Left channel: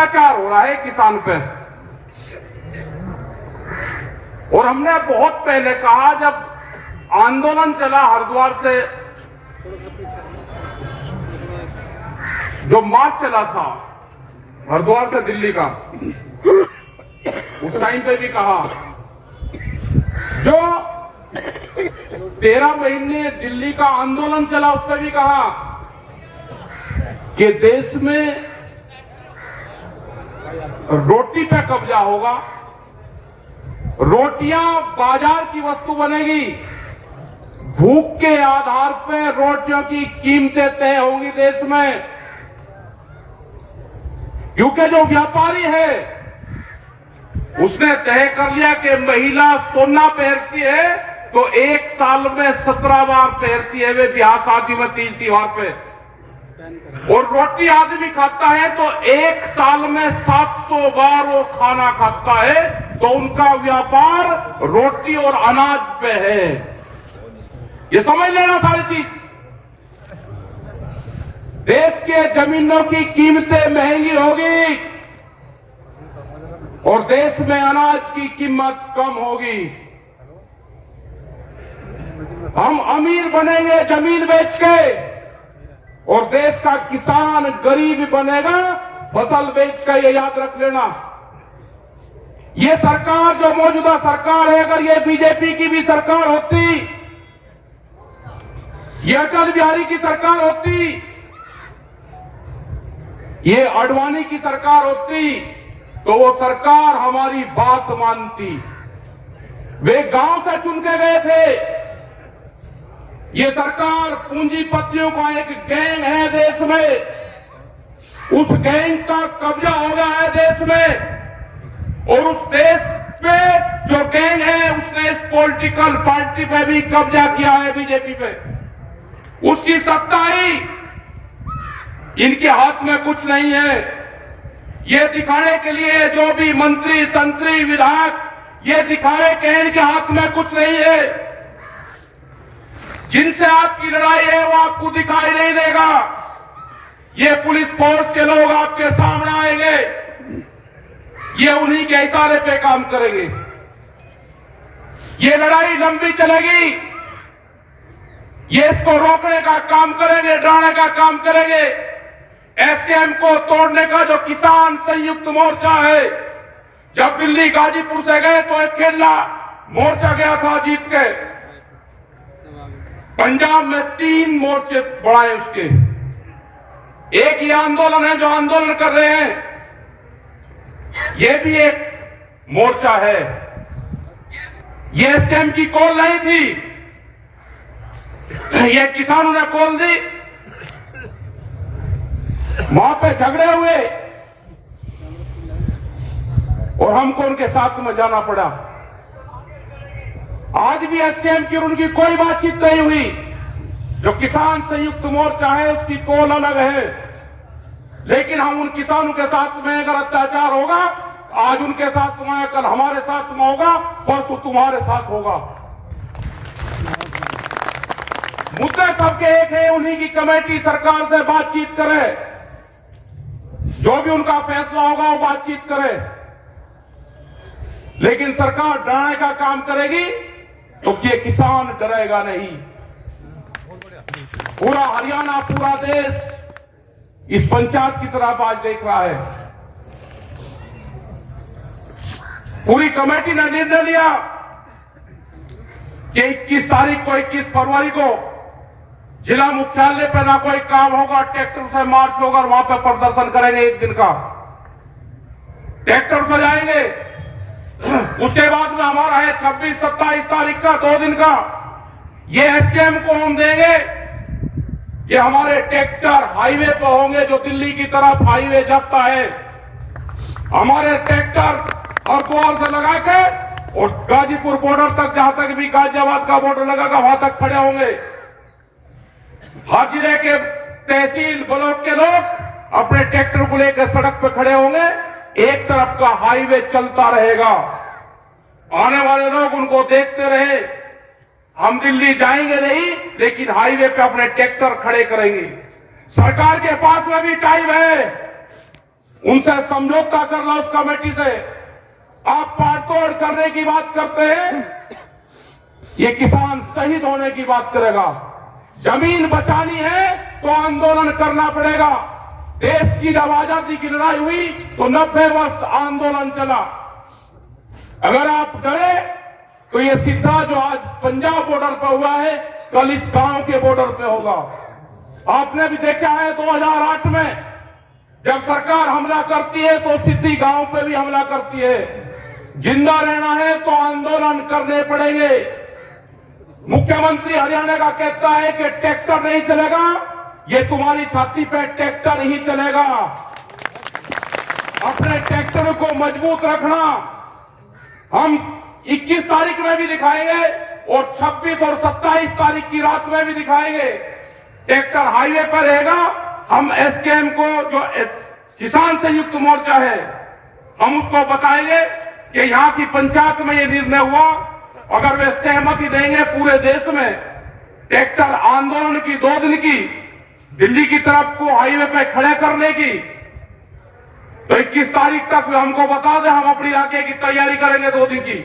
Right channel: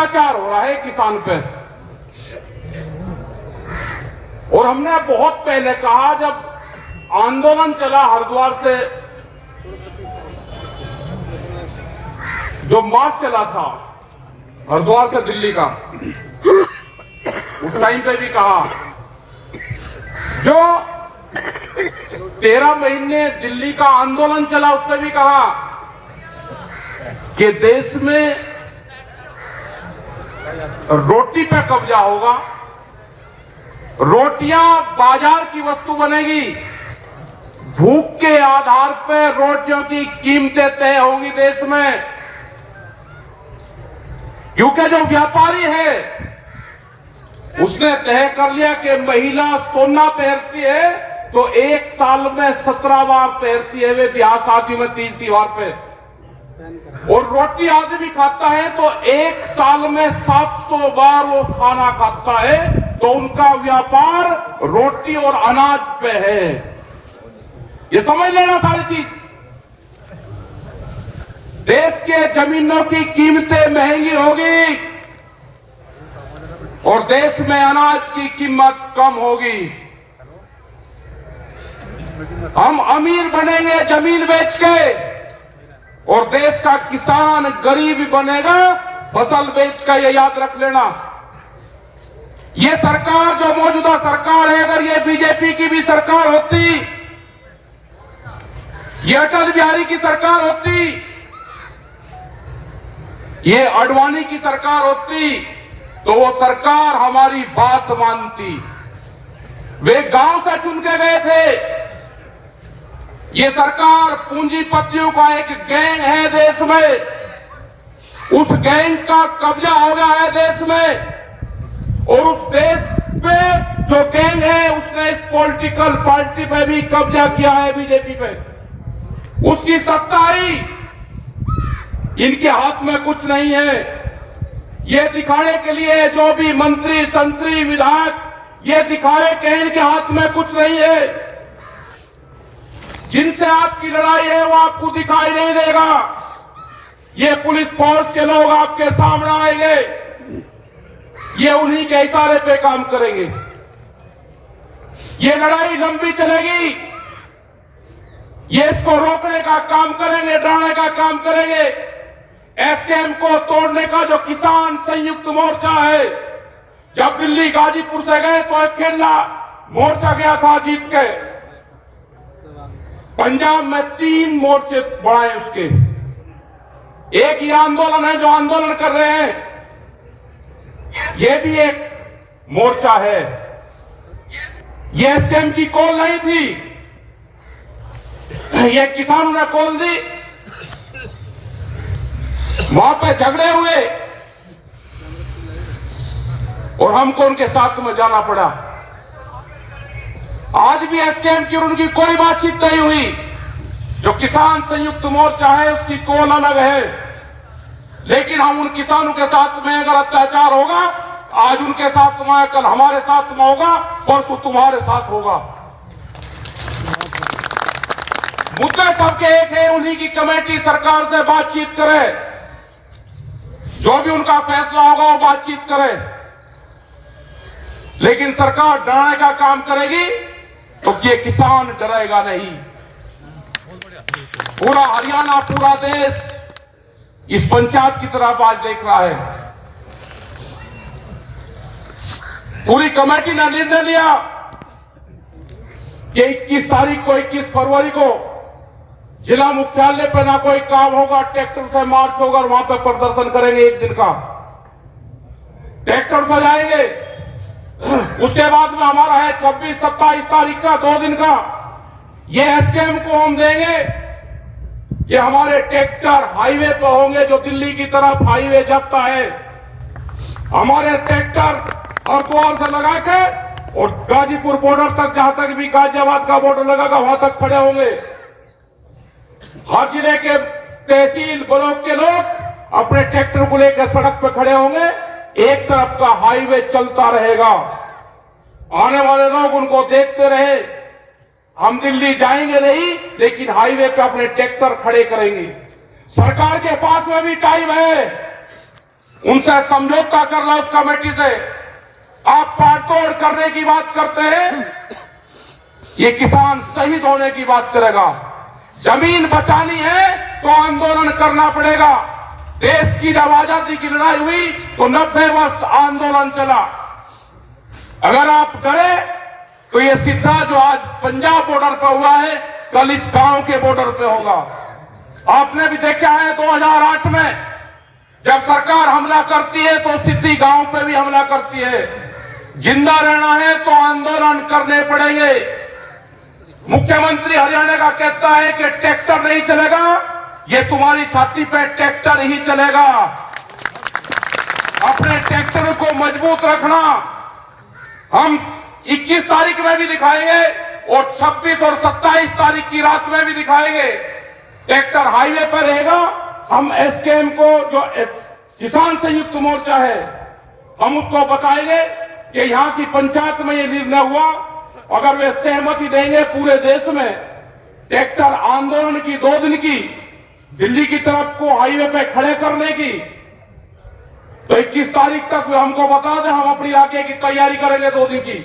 अत्याचार हो रहा है किसान पे। और हमने बहुत पहले कहा, जब आंदोलन चला हरिद्वार से, जो मार्च चला था हरिद्वार से दिल्ली का, उस टाइम पे भी कहा, जो 13 महीने दिल्ली का आंदोलन चला उस पर भी कहा कि देश में रोटी पे कब्जा होगा, रोटियां बाजार की वस्तु बनेगी, भूख के आधार पर रोटियों की कीमतें तय होंगी देश में। क्योंकि जो व्यापारी है उसने तय कर लिया कि महिला सोना पहनती है तो एक साल में 17 बार पहनती है, वे ब्याह शादी में, तीज त्योहार पे। और रोटी आदमी खाता है तो एक साल में 700 बार वो खाना खाता है, तो उनका व्यापार रोटी और अनाज पे है। ये समझ लेना सारी चीज। देश के जमीनों की कीमतें महंगी होगी और देश में अनाज की कीमत कम होगी। हम अमीर बनेंगे जमीन बेच के और देश का किसान गरीब बनेगा फसल बेच कर। ये याद रख लेना। ये सरकार जो मौजूदा सरकार है, अगर ये बीजेपी की भी सरकार होती, ये अटल बिहारी की सरकार होती, ये आडवाणी की सरकार होती, तो वो सरकार हमारी बात मानती। वे गांव से चुन के गए थे। ये सरकार पूंजीपतियों का एक गैंग है देश में, उस गैंग का कब्जा हो गया है देश में। और उस देश में जो गैंग है उसने इस पॉलिटिकल पार्टी पे भी कब्जा किया है, बीजेपी पे। उसकी सत्ता ही इनके हाथ में कुछ नहीं है। ये दिखाने के लिए जो भी मंत्री संतरी विधायक ये दिखावे कि इनके हाथ में कुछ नहीं है। जिनसे आपकी लड़ाई है वो आपको दिखाई नहीं देगा। ये पुलिस फोर्स के लोग आपके सामने आएंगे, ये उन्हीं के इशारे पे काम करेंगे। ये लड़ाई लंबी चलेगी। ये इसको रोकने का काम करेंगे, डराने का काम करेंगे। एसकेएम को तोड़ने का जो किसान संयुक्त मोर्चा है, जब दिल्ली गाजीपुर से गए तो अकेला मोर्चा गया था जीत के। पंजाब में 3 मोर्चे बढ़ाए उसके। एक ये आंदोलन है जो आंदोलन कर रहे हैं, ये भी एक मोर्चा है। ये एसकेएम की कॉल नहीं थी, ये किसानों ने कॉल दी। वहां पे झगड़े हुए और हमको उनके साथ में जाना पड़ा। आज भी एसकेएम की और उनकी कोई बातचीत नहीं हुई। जो किसान संयुक्त मोर्चा है उसकी कॉल अलग है, लेकिन हम उन किसानों के साथ में अगर अत्याचार होगा, आज उनके साथ में, कल हमारे साथ में होगा, परसों तुम्हारे साथ होगा। मुद्दे सबके एक है, उन्हीं की कमेटी सरकार से बातचीत करे, जो भी उनका फैसला होगा वो बातचीत करे। लेकिन सरकार डराने का काम करेगी तो ये किसान डरेगा नहीं। पूरा हरियाणा, पूरा देश इस पंचायत की तरफ आज देख रहा है। पूरी कमेटी ने निर्णय लिया कि 21 तारीख को, 21 फरवरी को जिला मुख्यालय पे ना कोई काम होगा, ट्रैक्टर से मार्च होगा और वहां पे प्रदर्शन करेंगे। एक दिन का ट्रैक्टर से जाएंगे। उसके बाद में हमारा है 26-27 तारीख का, 2 दिन का। ये एसकेएम को हम देंगे कि हमारे ट्रैक्टर हाईवे पर होंगे, जो दिल्ली की तरफ हाईवे जाता है। हमारे ट्रैक्टर हरिद्वार से लगा के और गाजीपुर बॉर्डर तक, जहां तक भी गाजियाबाद का बॉर्डर लगेगा वहां तक खड़े होंगे। हर जिले के तहसील ब्लॉक के लोग अपने ट्रैक्टर को लेकर सड़क पर खड़े होंगे। एक तरफ का हाईवे चलता रहेगा, आने वाले लोग उनको देखते रहे। हम दिल्ली जाएंगे नहीं, लेकिन हाईवे पे अपने ट्रैक्टर खड़े करेंगे। सरकार के पास में भी टाइम है, उनसे समझौता कर लो उस कमेटी से। आप पाटतोड़ करने की बात करते हैं, ये किसान शहीद होने की बात करेगा। जमीन बचानी है तो आंदोलन करना पड़ेगा। देश की जब आजादी की लड़ाई हुई तो 90 वर्ष आंदोलन चला। अगर आप डरे तो ये सीधा जो आज पंजाब बॉर्डर पर हुआ है, कल इस गांव के बॉर्डर पे होगा। आपने भी देखा है 2008 में जब सरकार हमला करती है तो सीधी गांव पे भी हमला करती है। जिंदा रहना है तो आंदोलन करने पड़ेंगे। मुख्यमंत्री हरियाणा का कहता है कि ट्रैक्टर नहीं चलेगा, ये तुम्हारी छाती पे ट्रैक्टर ही चलेगा। अपने ट्रैक्टरों को मजबूत रखना। हम 21 तारीख में भी दिखाएंगे और 26 और 27 तारीख की रात में भी दिखाएंगे। ट्रैक्टर हाईवे पर रहेगा। हम एसकेएम को, जो किसान संयुक्त मोर्चा है, हम उसको बताएंगे कि यहां की पंचायत में ये निर्णय हुआ। अगर वे सहमति देंगे पूरे देश में ट्रैक्टर आंदोलन की 2 दिन की, दिल्ली की तरफ को हाईवे पे खड़े करने की, तो 21 तारीख तक वे हमको बता दें, हम अपनी इलाके की तैयारी करेंगे 2 दिन की।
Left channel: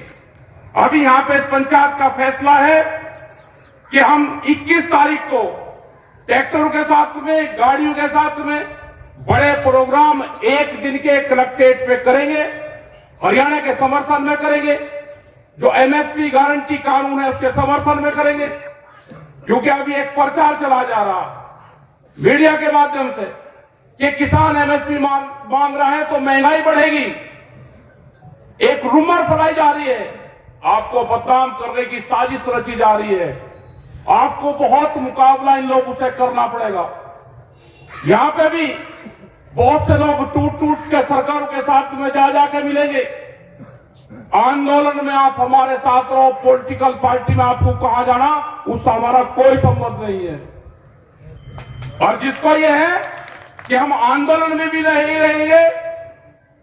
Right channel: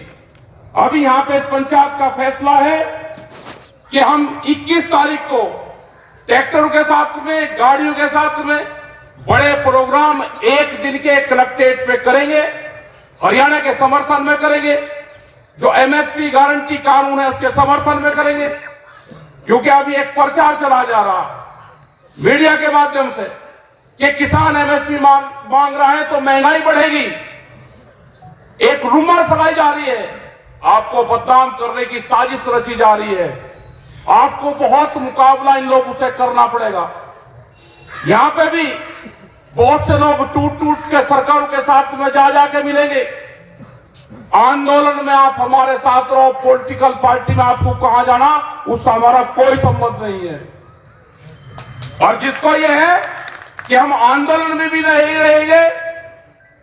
अभी यहां पे इस पंचायत का फैसला है कि हम 21 तारीख को ट्रैक्टरों के साथ में, गाड़ियों के साथ में बड़े प्रोग्राम 1 दिन के कलेक्ट्रेट पे करेंगे। हरियाणा के समर्थन में करेंगे। जो एमएसपी गारंटी कानून है उसके समर्थन में करेंगे। क्योंकि अभी एक प्रचार चला जा रहा मीडिया के माध्यम से कि किसान एमएसपी मांग रहा है तो महंगाई बढ़ेगी। एक रूमर फैलाई जा रही है, आपको बदनाम करने की साजिश रची जा रही है। आपको बहुत मुकाबला इन लोगों से करना पड़ेगा। यहां पे भी बहुत से लोग टूट टूट के सरकारों के साथ में जा जाके मिलेंगे। आंदोलन में आप हमारे साथ रहो, पॉलिटिकल पार्टी में आपको कहां जाना उससे हमारा कोई संबंध नहीं है। और जिसको ये है कि हम आंदोलन में भी नहीं रहेंगे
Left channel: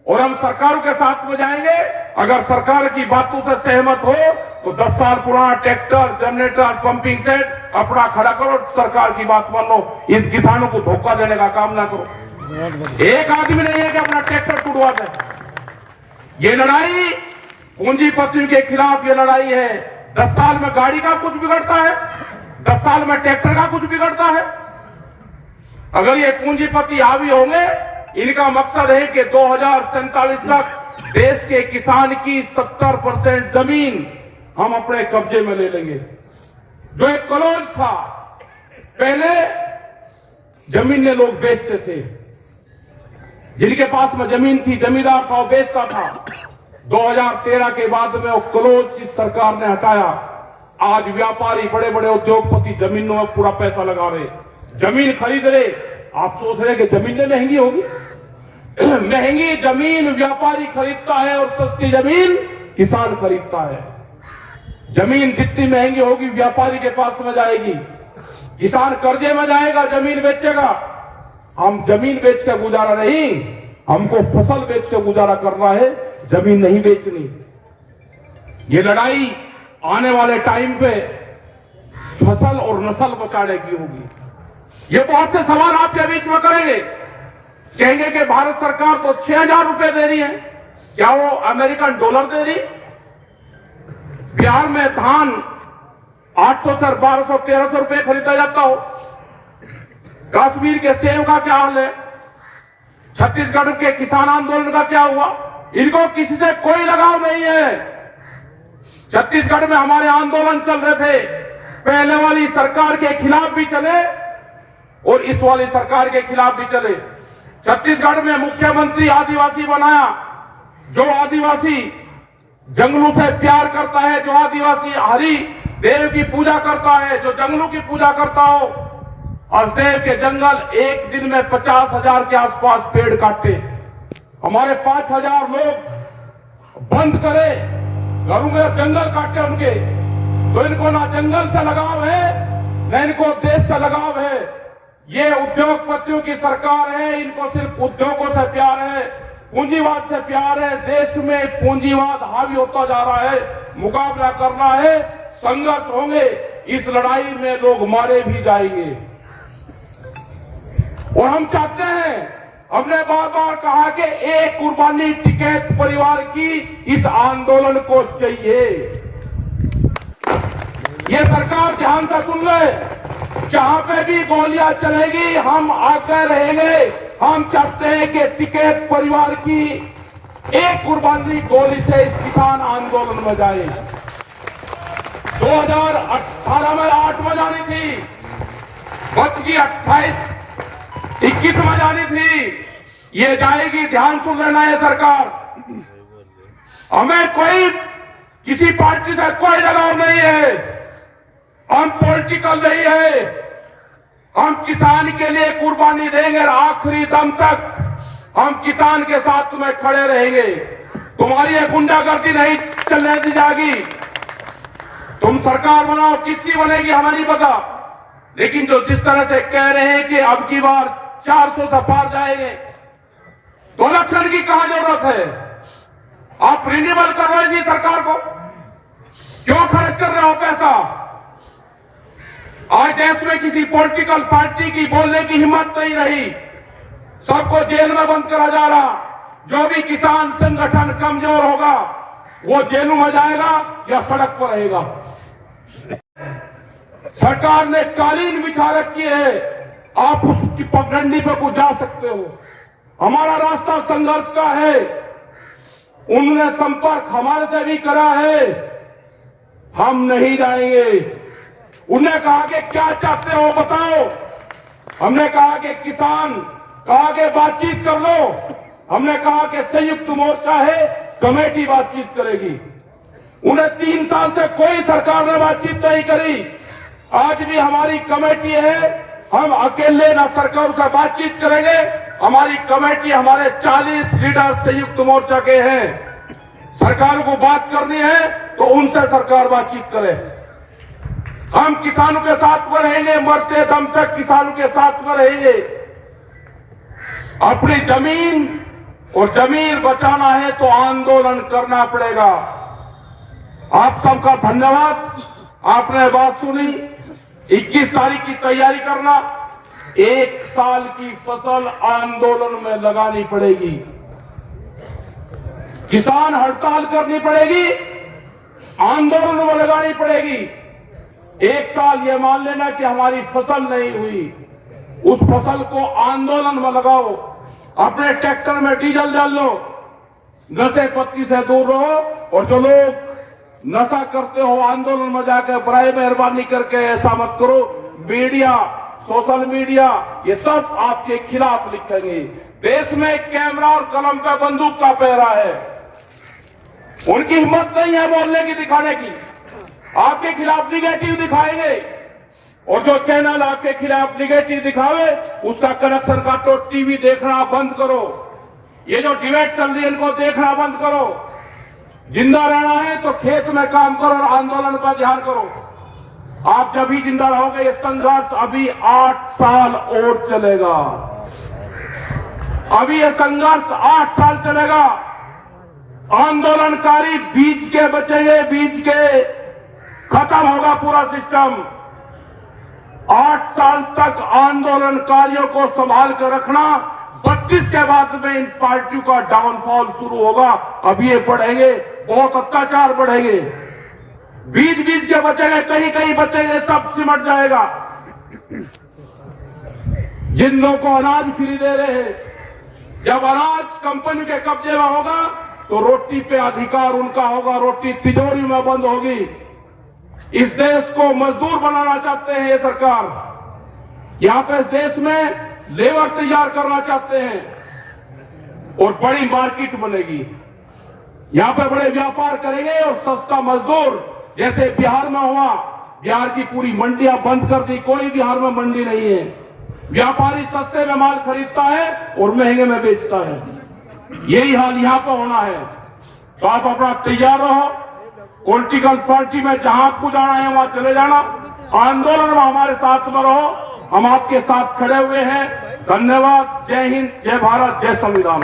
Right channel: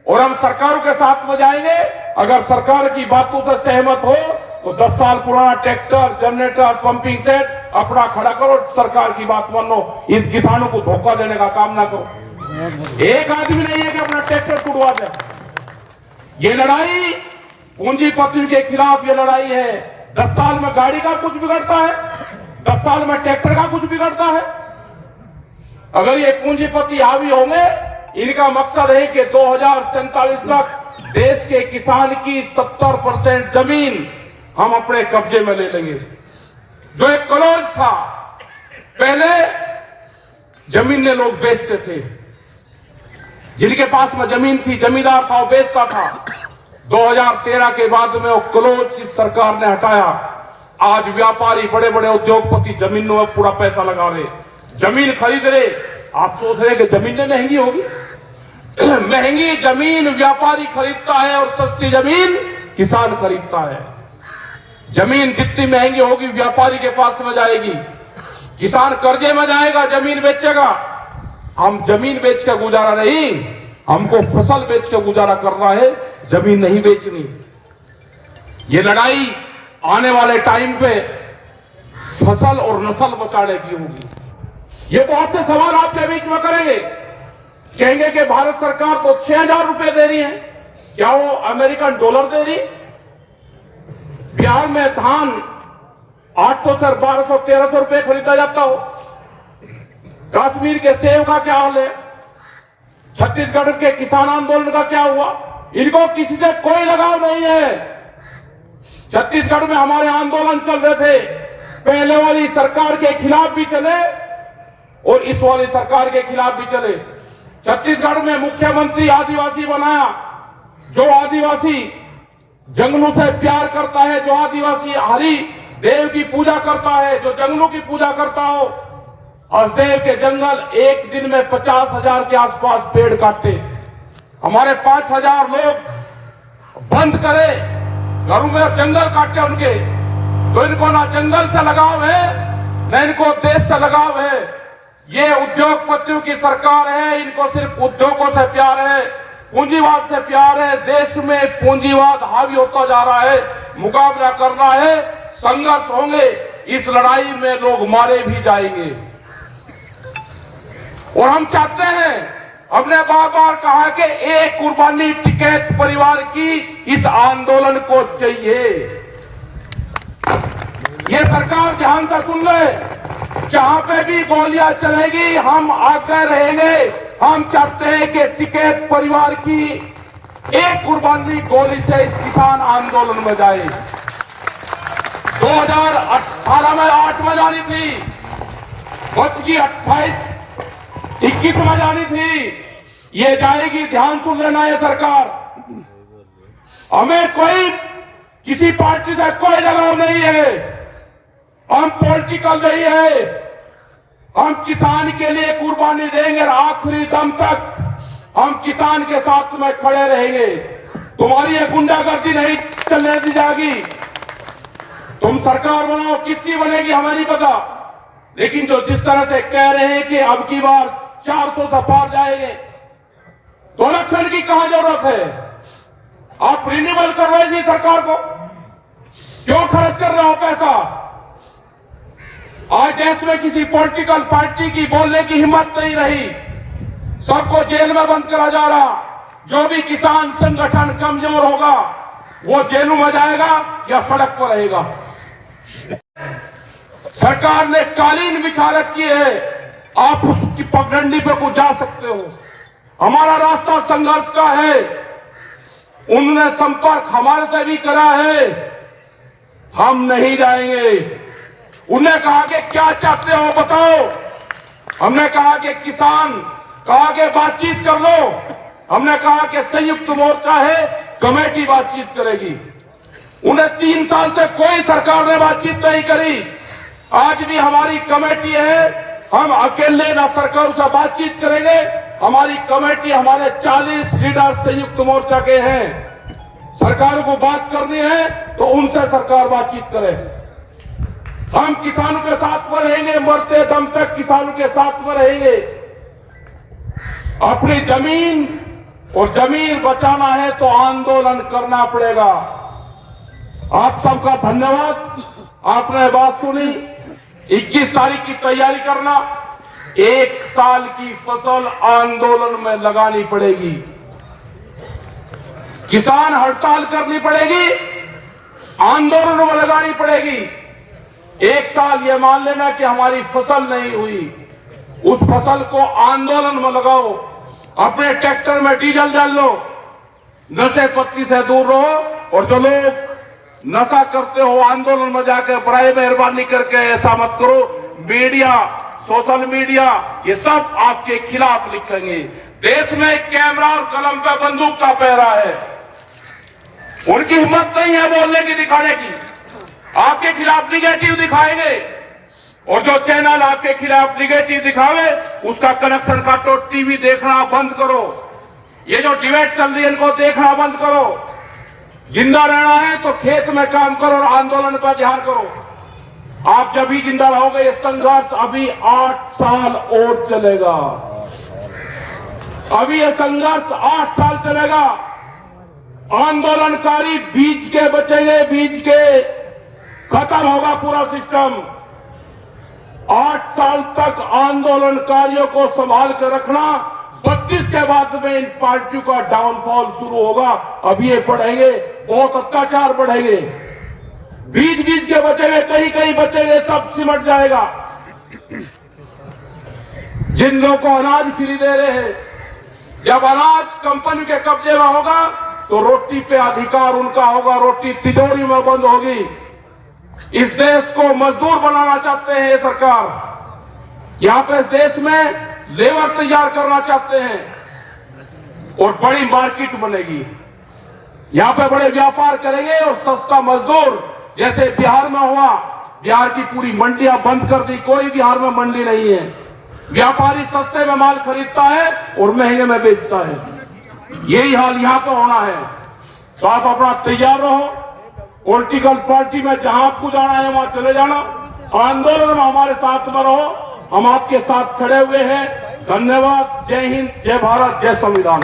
और हम सरकारों के साथ में जाएंगे, अगर सरकार की बातों से सहमत हो तो 10 साल पुराना ट्रैक्टर, जनरेटर, पंपिंग सेट अपना खड़ा करो, सरकार की बात मान लो। इन किसानों को धोखा देने का काम ना करो। एक आदमी नहीं है कि अपना ट्रैक्टर टूटवा दे। ये लड़ाई पूंजीपतियों के खिलाफ ये लड़ाई है। 10 साल में गाड़ी का कुछ बिगड़ता है, 10 साल में ट्रैक्टर का कुछ बिगड़ता है। अगर ये पूंजीपति हावी होंगे, इनका मकसद है कि 2047 तक देश के किसान की 70% जमीन हम अपने कब्जे में ले लेंगे। जो एक कॉलेज था, पहले जमीन लोग बेचते थे, जिनके पास में जमीन थी, जमींदार था, वो बेचता था। 2013 के बाद में वो क्लोज इस सरकार ने हटाया। आज व्यापारी, बड़े बड़े उद्योगपति जमीनों में पूरा पैसा लगा रहे, जमीन खरीद रहे। आप सोच रहे कि जमीन महंगी होगी? महंगी जमीन व्यापारी खरीदता है और सस्ती जमीन किसान खरीदता है। जमीन जितनी महंगी होगी व्यापारी के पास में जाएगी, किसान कर्जे में जाएगा, जमीन बेचेगा। हम जमीन बेच के गुजारा नहीं, हमको फसल बेच के गुजारा करना है, जमीन नहीं बेचनी। ये लड़ाई आने वाले टाइम पे फसल और नस्ल बचाने की होगी। ये बहुत से सवाल आपके बीच में करेंगे, कहेंगे कि भारत सरकार तो 6000 रुपए दे रही है, क्या वो अमेरिकन डॉलर दे रही? बिहार में धान 800 से 1200 1300 रुपए खरीदा जाता हो। कश्मीर के सेब का क्या हाल है? छत्तीसगढ़ के किसान आंदोलन का क्या हुआ? इनको किसी से कोई लगाव नहीं है। छत्तीसगढ़ में हमारे आंदोलन चल रहे थे, पहले वाली सरकार के खिलाफ भी चले और इस वाली सरकार के खिलाफ भी चले। छत्तीसगढ़ में मुख्यमंत्री आदिवासी बनाया। जो आदिवासी जंगलों से प्यार करता है, जो आदिवासी हरि देव की पूजा करता है, जो जंगलों की पूजा करता हो, हसदेव के जंगल एक दिन में 50,000 के आसपास पेड़ काटे। हमारे 5,000 लोग बंद करे, घरों में जंगल काटे उनके। तो इनको ना जंगल से लगाव है, न इनको देश से लगाव है। ये उद्योगपतियों की सरकार है, इनको सिर्फ उद्योगों से प्यार है, पूंजीवाद से प्यार है। देश में पूंजीवाद हावी होता जा रहा है, मुकाबला करना है, संघर्ष होंगे। इस लड़ाई में लोग मारे भी जाएंगे। और हम चाहते हैं हमने बार बार कहा कि एक कुर्बानी टिकैत परिवार की इस आंदोलन को चाहिए। ये सरकार ध्यान से सुन ले, जहां पे भी गोलियां चलेगी हम आकर रहेंगे। हम चाहते हैं कि टिकैत परिवार की एक कुर्बानी गोली से इस किसान आंदोलन में जाए। 2018 में 8 में जानी थी, बच की 21 में जानी थी, ये जाएगी। ध्यान सुन लेना ये सरकार, हमें कोई किसी पार्टी से कोई लगाव नहीं है, हम पॉलिटिकल नहीं है। हम किसान के लिए कुर्बानी देंगे, आखिरी दम तक हम किसान के साथ में खड़े रहेंगे। तुम्हारी ये गुंडागर्दी नहीं चलने दी जाएगी। तुम सरकार बनाओ, किसकी बनेगी हमें नहीं पता, लेकिन जो जिस तरह से कह रहे हैं कि अब की बार 400 से पार जाएंगे, तो इलेक्शन की कहां जरूरत है? आप रिन्यूअल कर रहे हैं सरकार को, क्यों खर्च कर रहे हो पैसा? आज देश में किसी पॉलिटिकल पार्टी की बोलने की हिम्मत नहीं रही, सबको जेल में बंद करा जा रहा। जो भी किसान संगठन कमजोर होगा वो जेलों में जाएगा या सड़क पर रहेगा। सरकार ने कालीन बिछा रखी है, आप उसकी पगडंडी पर कुछ जा सकते हो। हमारा रास्ता संघर्ष का है, उन्होंने संपर्क हमारे से भी करा है, हम नहीं जाएंगे। उन्होंने कहा कि क्या चाहते हो बताओ, हमने कहा कि किसान, कहा कि बातचीत कर लो। हमने कहा कि संयुक्त मोर्चा है, कमेटी बातचीत करेगी। उन्हें 3 साल से कोई सरकार ने बातचीत नहीं करी। आज भी हमारी कमेटी है, हम अकेले ना सरकार से बातचीत करेंगे। हमारी कमेटी, हमारे 40 लीडर संयुक्त मोर्चा के हैं। सरकार को बात करनी है तो उनसे सरकार बातचीत करे। हम किसानों के साथ में रहेंगे, मरते दम तक किसानों के साथ में रहेंगे। अपनी जमीन और जमीन बचाना है तो आंदोलन करना पड़ेगा। आप सबका धन्यवाद, आपने बात सुनी। 21 तारीख की तैयारी करना, 1 साल की फसल आंदोलन में लगानी पड़ेगी। किसान हड़ताल करनी पड़ेगी, आंदोलन में लगानी पड़ेगी। 1 साल ये मान लेना कि हमारी फसल नहीं हुई, उस फसल को आंदोलन में लगाओ। अपने ट्रैक्टर में डीजल डाल लो, नशे पत्ती से दूर रहो। और जो लोग नशा करते हो आंदोलन में जाकर, बड़ी मेहरबानी करके ऐसा मत करो। मीडिया, सोशल मीडिया, ये सब आपके खिलाफ लिखेंगे। देश में कैमरा और कलम पे बंदूक का पहरा है, उनकी हिम्मत नहीं है बोलने की, दिखाने की। आपके खिलाफ निगेटिव दिखाएंगे, और जो चैनल आपके खिलाफ निगेटिव दिखावे उसका कनेक्शन काटो, टीवी देखना बंद करो। ये जो डिबेट चल रही है इनको देखना बंद करो। जिंदा रहना है तो खेत में काम करो और आंदोलन पर ध्यान करो। आप जब भी जिंदा रहोगे, ये संघर्ष अभी 8 साल और चलेगा। अभी ये संघर्ष 8 साल चलेगा। आंदोलनकारी बीच के बचेंगे, बीच के खत्म होगा पूरा सिस्टम। 8 साल तक आंदोलनकारियों को संभाल कर रखना, 32 के बाद में इन पार्टियों का डाउनफॉल शुरू होगा। अब ये बढ़ेंगे, बहुत अत्याचार बढ़ेंगे। बीच बीच के बचेंगे, कहीं कहीं बचेंगे, सब सिमट जाएगा। जिन लोगों को अनाज फ्री दे रहे हैं, जब अनाज कंपनी के कब्जे में होगा तो रोटी पे अधिकार उनका होगा, रोटी तिजोरी में बंद होगी। इस देश को मजदूर बनाना चाहते हैं ये सरकार। यहां पे इस देश में लेबर तैयार करना चाहते हैं और बड़ी मार्केट बनेगी। यहां पे बड़े व्यापार करेंगे और सस्ता मजदूर, जैसे बिहार में हुआ। बिहार की पूरी मंडियां बंद कर दी, कोई बिहार में मंडी नहीं है। व्यापारी सस्ते में माल खरीदता है और महंगे में बेचता है। यही हाल यहां पर होना है। तो आप अपना तैयार रहो। पॉलिटिकल पार्टी में जहां आपको जाना है वहां चले जाना। आंदोलन में हमारे साथ में रहो, हम आपके साथ खड़े हुए हैं। धन्यवाद। जय हिंद, जय भारत, जय संविधान।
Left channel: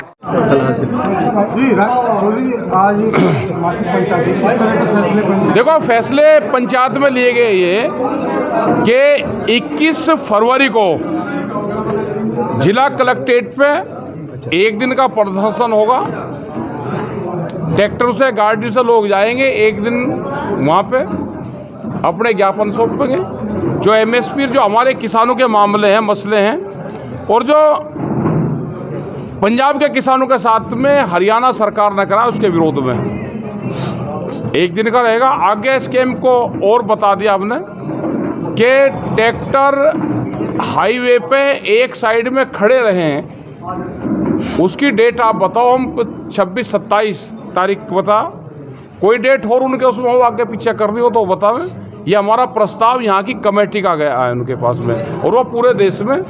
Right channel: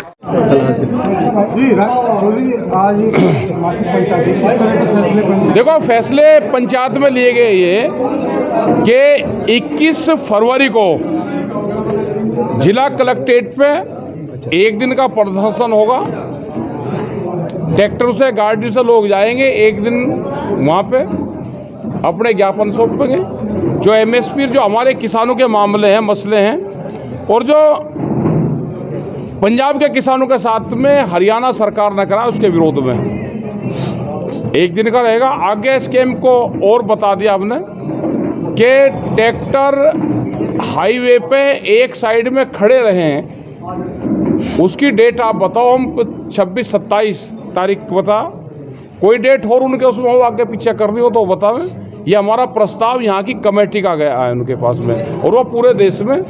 देखो, फैसले पंचायत में लिए गए ये कि 21 फरवरी को जिला कलेक्ट्रेट पे एक दिन का प्रदर्शन होगा, ट्रैक्टर से गाड़ी से लोग जाएंगे, एक दिन वहाँ पे अपने ज्ञापन सौंपेंगे, जो एमएसपी, जो हमारे किसानों के मामले हैं, मसले हैं, और जो पंजाब के किसानों के साथ में हरियाणा सरकार ने करा उसके विरोध में एक दिन का रहेगा। आगे स्कीम को और बता दिया हमने कि ट्रैक्टर हाईवे पे एक साइड में खड़े रहें, उसकी डेट आप बताओ, हम 26-27 तारीख बता, कोई डेट और उनके उसमें हो आगे पीछे करनी हो तो बतावें। ये हमारा प्रस्ताव यहाँ की कमेटी का गया है उनके पास में, और वो पूरे देश में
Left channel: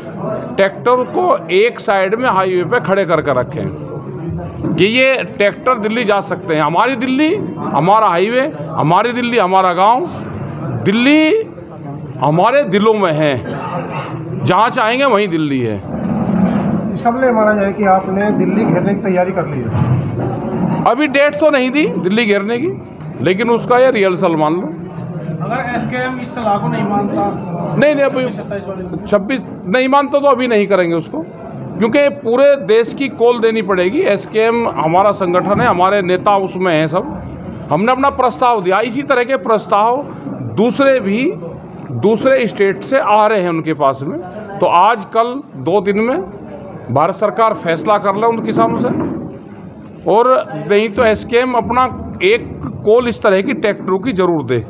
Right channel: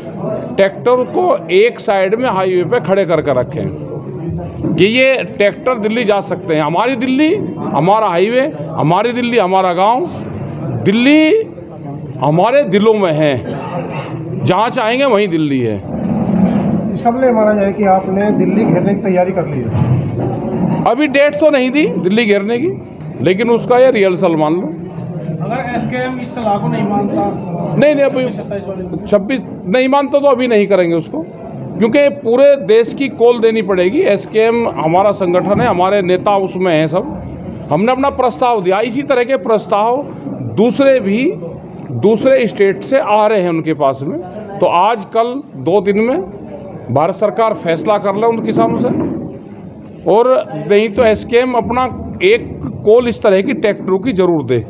ट्रैक्टर को एक साइड में हाईवे पे खड़े करके रखें कि ये ट्रैक्टर दिल्ली जा सकते हैं। हमारी दिल्ली हमारा हाईवे, हमारी दिल्ली हमारा गांव, दिल्ली हमारे दिलों में है, जहाँ चाहेंगे वहीं दिल्ली है। सबले माना जाए कि आपने दिल्ली घेरने की तैयारी कर ली है। अभी डेट तो नहीं दी दिल्ली घेरने की, लेकिन उसका ये रिहर्सल मान लो। अगर एसकेएम इस सलाह को नहीं मानता, नहीं अभी 26 नहीं मानता तो अभी नहीं करेंगे उसको, क्योंकि पूरे देश की कॉल देनी पड़ेगी। एसकेएम हमारा संगठन है, हमारे नेता उसमें हैं सब, हमने अपना प्रस्ताव दिया। इसी तरह के प्रस्ताव दूसरे स्टेट से आ रहे हैं उनके पास में, तो आज कल 2 दिन में भारत सरकार फैसला कर ले उन किसानों से, और नहीं तो एसकेएम अपना एक कॉल इस तरह की ट्रैक्टरों की जरूर दे।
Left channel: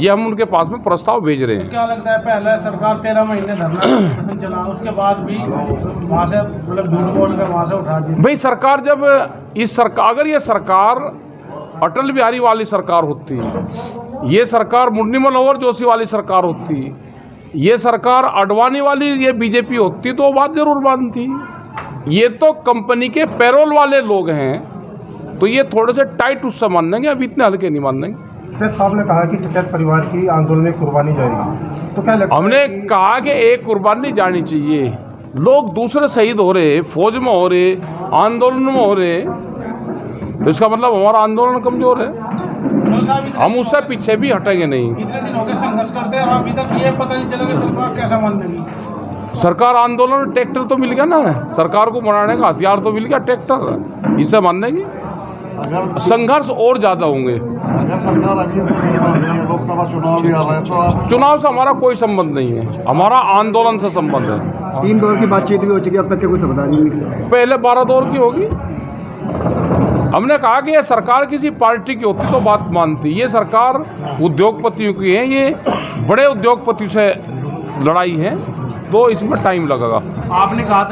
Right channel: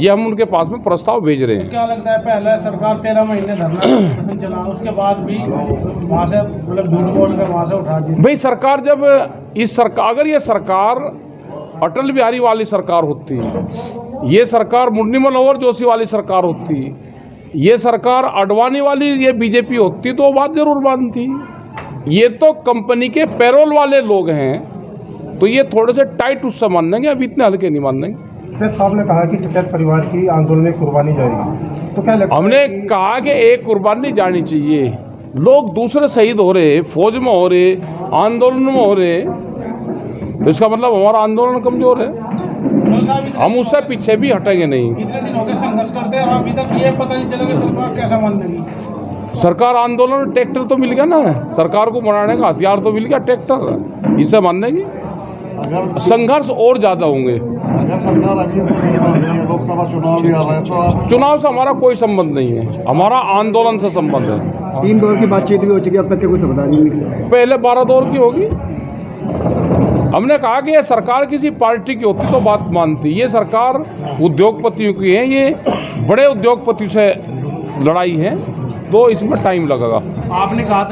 ये हम उनके पास में प्रस्ताव भेज रहे हैं। क्या लगता है, पहले सरकार 13 महीने धरना चला, उसके बाद भी वहाँ से मतलब झूठ बोल कर वहाँ से उठा दी। भाई सरकार जब अगर ये सरकार अटल बिहारी वाली सरकार होती, ये सरकार मुरली मनोहर जोशी वाली सरकार होती, ये सरकार अडवाणी वाली ये बीजेपी होती तो बात जरूर मानती। ये तो कंपनी के पैरोल वाले लोग हैं, तो ये थोड़े से टाइट उससे मान लेंगे, अभी इतने हल्के नहीं मान लेंगे। साहब ने कहा कि टिकैत परिवार की आंदोलन में कुर्बानी जाएगी, तो क्या लगता है? हमने कहा कि एक कुर्बानी जानी चाहिए। लोग दूसरे शहीद हो रहे, फौज में हो रहे, आंदोलन में हो रहे, तो इसका मतलब हमारा आंदोलन कमजोर है। हम उससे पीछे भी हटेंगे नहीं। इतने दिन हो गए संघर्ष करते हैं और अभी तक ये पता नहीं चला कि सरकार कैसा मान लेगी। सरकार आंदोलन, ट्रैक्टर तो मिल गया ना, सरकार को बनाने का हथियार तो मिल गया ट्रैक्टर, इसे मानने की संघर्ष और ज्यादा होंगे। अगर सरकार अभी लोकसभा चुनाव भी आ रहा है तो आप चुनाव से हमारा कोई संबंध नहीं है, हमारा आंदोलन से संबंध है। 3 दौर की बातचीत भी हो चुकी है, अब तक के कोई समाधान नहीं निकला। पहले 12 दौर की होगी। हमने कहा कि ये सरकार किसी पार्टी की होती तो बात मानती, ये सरकार उद्योगपतियों की है, ये बड़े उद्योगपति से लड़ाई है, तो इसमें टाइम लगेगा। आपने कहा